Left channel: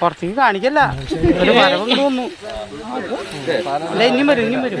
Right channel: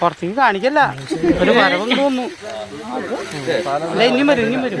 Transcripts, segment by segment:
പുറത്തേക്ക് കാണിക്കല്ല. ഒരു വരവും തോന്നു അല്ല ഇനിയും വരും ഇനിയും വരും.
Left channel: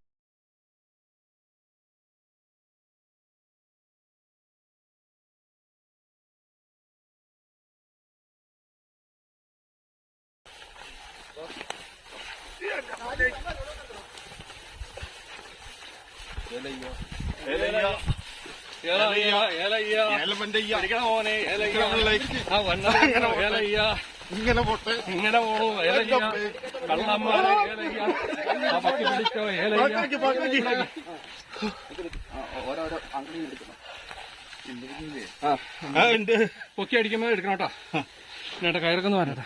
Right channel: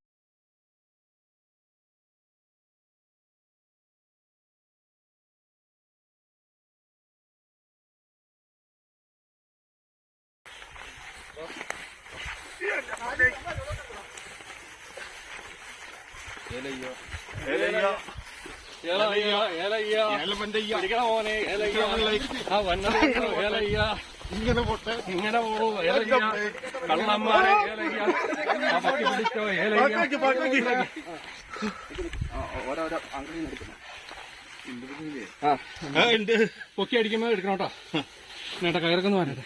ഇങ്ങനെ പോട്ടെ. ഇങ്ങനെ പോണു. ഏലയ്യ കള്ളന്മാരെ ഏലയ്യ ആ പക്കി പിടിച്ചോ ഏലയ്യ ആ ഉണ്ട്. പൊക്കി അടിക്കുമ്പോ എടുക്കണം കേട്ടോ. എന്നിട്ട് കയറൊക്കെ വരട്ടെ.